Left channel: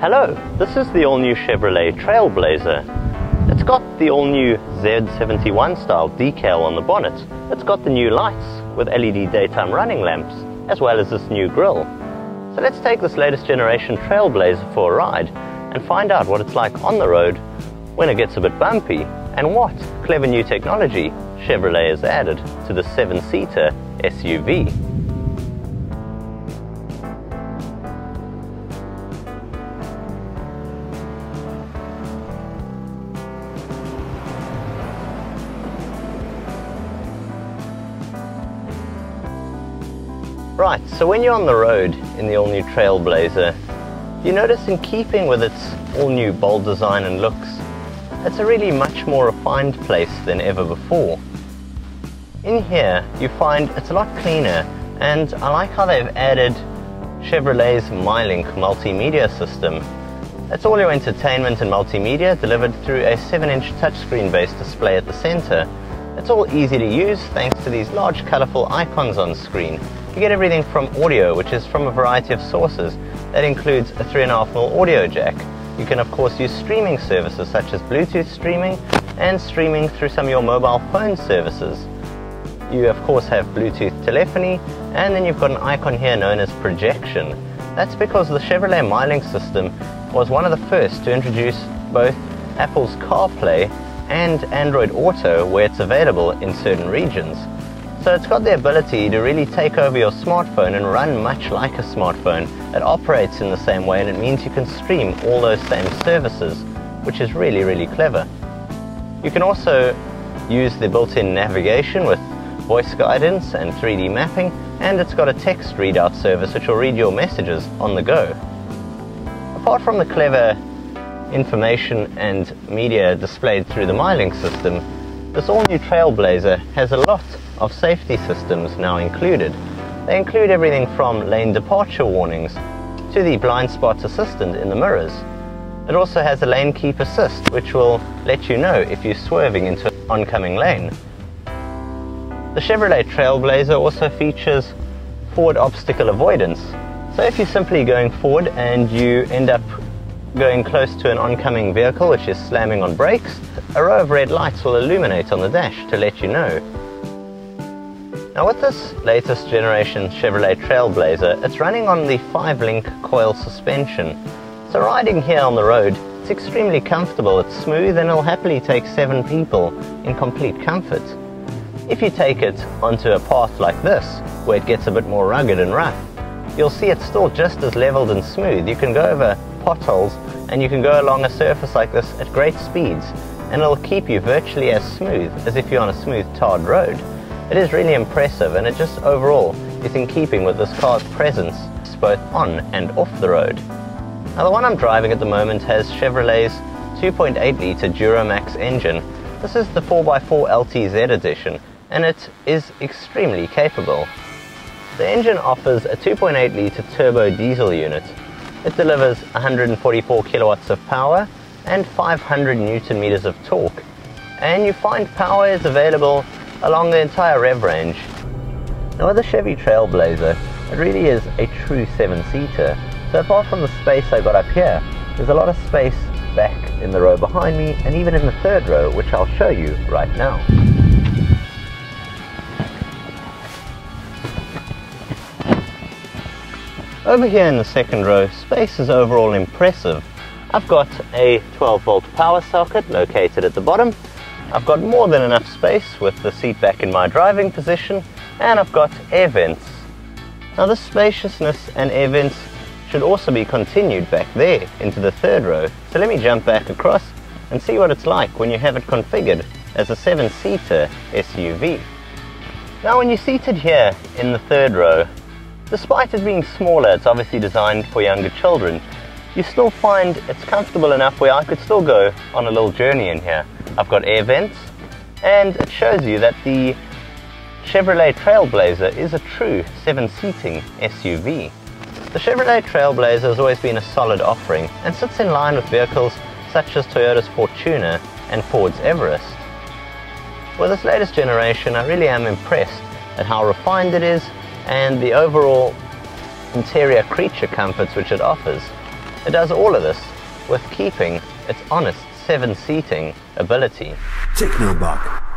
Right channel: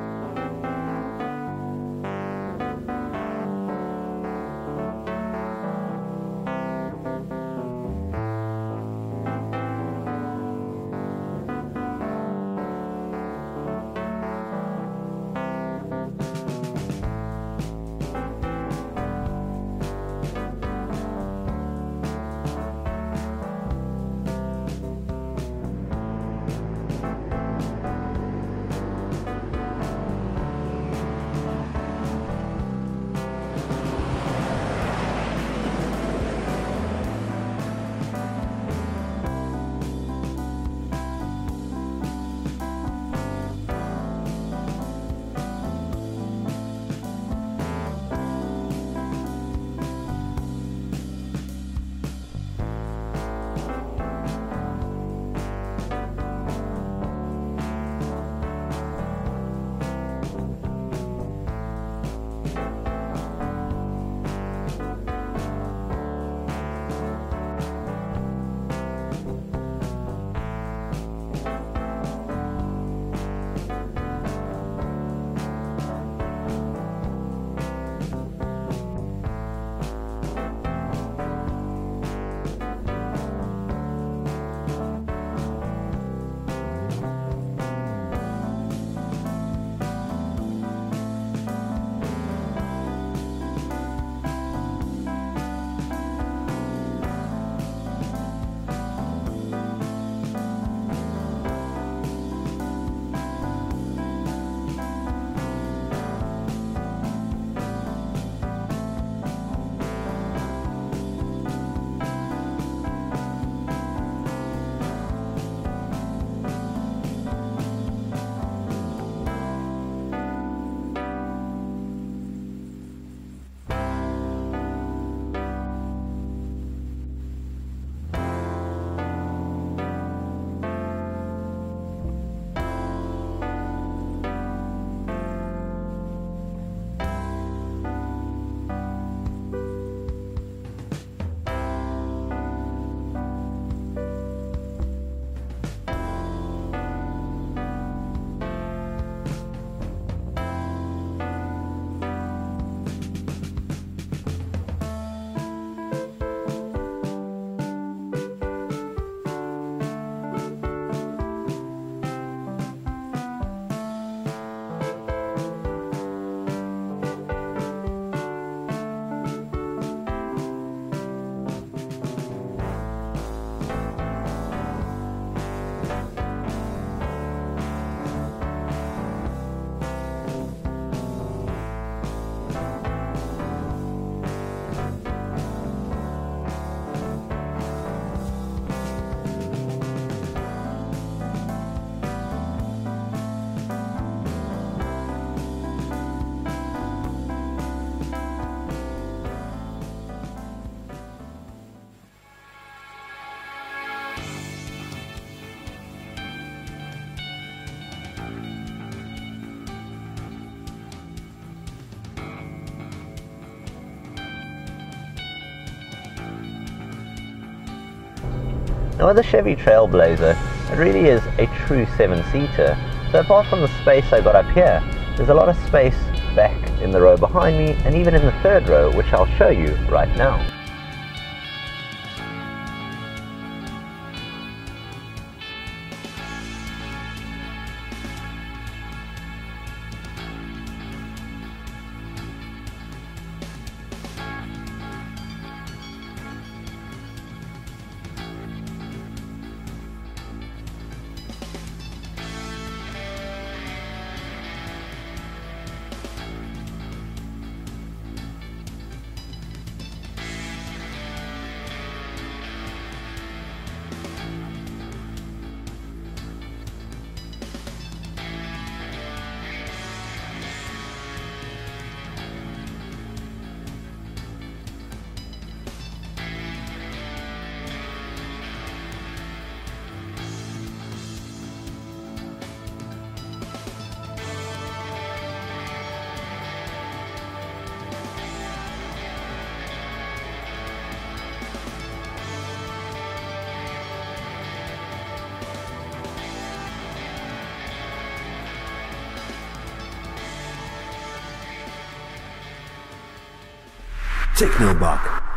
Hello, this is the all-new Chevrolet Trailblazer. It's got the all-new Z71 style decal on the bonnet. It's got the new lights with LED daytime running lamps, as well as this new grille. So let's take this latest generation Trailblazer for a ride and find out what it's like on the road when it gets a bit bumpy and what clever new technology Chevrolet has added to the 7-seater SUV. Right, so when you're on the road in the all-new Trailblazer, you notice in keeping with its all-new bold design and looks, it's a really much more refined place than ever before. In here, you find it's a lot cleaner, and I like how they've added Chevrolet's MyLink multimedia system. That's all your entertainment and multimedia delivered through a 7-inch touchscreen-based display at the center. It's all easy to use thanks to these large colorful icons on screen. You get everything from audio, which is from a variety of sources. That includes a 3.5mm audio jack. You can of course use streaming services such as Bluetooth streaming and streaming through some of your mobile phone services. You of course have Bluetooth telephony, and then you've got an icon here known as projection. That's because the Chevrolet MyLink system was one of the first to introduce both Apple's CarPlay and Android Auto where it's available in certain regions. So it's got the ability to really take over your smartphone and run much like a smartphone. It operates in the same way, and it means you can stream all those same services, which is really, really clever. You can also use the built-in navigation with voice guidance and 3D mapping, and it's got a text readout service which will read your messages on the go. Apart from the clever information and media displayed through the MyLink system, this all-new Trailblazer has a lot of safety systems now included. They include everything from lane departure warnings to the blind spot assistant in the mirrors. It also has a lane keep assist, which will let you know if you're swerving into an oncoming lane. The Chevrolet Trailblazer also features forward obstacle avoidance. So if you're simply going forward and you end up going close to an oncoming vehicle which is slamming on brakes, a row of red lights will illuminate on the dash to let you know. Now with this latest generation Chevrolet Trailblazer, it's running on the 5-link coil suspension. So riding here on the road, it's extremely comfortable, it's smooth, and it'll happily take 7 people in complete comfort. If you take it onto a path like this, where it gets a bit more rugged and rough, you'll see it's still just as leveled and smooth. You can go over potholes and you can go along a surface like this at great speeds, and it'll keep you virtually as smooth as if you're on a smooth tarred road. It is really impressive, and it just overall is in keeping with this car's presence both on and off the road. Now the one I'm driving at the moment has Chevrolet's 2.8-litre Duramax engine. This is the 4x4 LTZ edition, and it is extremely capable. The engine offers a 2.8-litre turbo diesel unit. It delivers 144 kilowatts of power and 500 newton meters of torque, and you find power is available along the entire rev range. Now with the Chevy Trailblazer, it really is a true 7-seater. So apart from the space I got up here, there's a lot of space back in the row behind me, and even in the third row, which I'll show you right now. Over here in the second row, space is overall impressive. I've got a 12-volt power socket located at the bottom. I've got more than enough space with the seat back in my driving position, and I've got air vents. Now this spaciousness and air vents should also be continued back there into the third row. So let me jump back across and see what it's like when you have it configured as a 7-seater SUV. Now when you're seated here in the third row, despite it being smaller, it's obviously designed for younger children, you still find it's comfortable enough where I could still go on a little journey in here. I've got air vents, and it shows you that the Chevrolet Trailblazer is a true 7-seating SUV. The Chevrolet Trailblazer has always been a solid offering and sits in line with vehicles such as Toyota's Fortuner and Ford's Everest. With this latest generation, I really am impressed at how refined it is and the overall interior creature comforts which it offers. It does all of this with keeping its honest 7-seating ability. TechnoBok.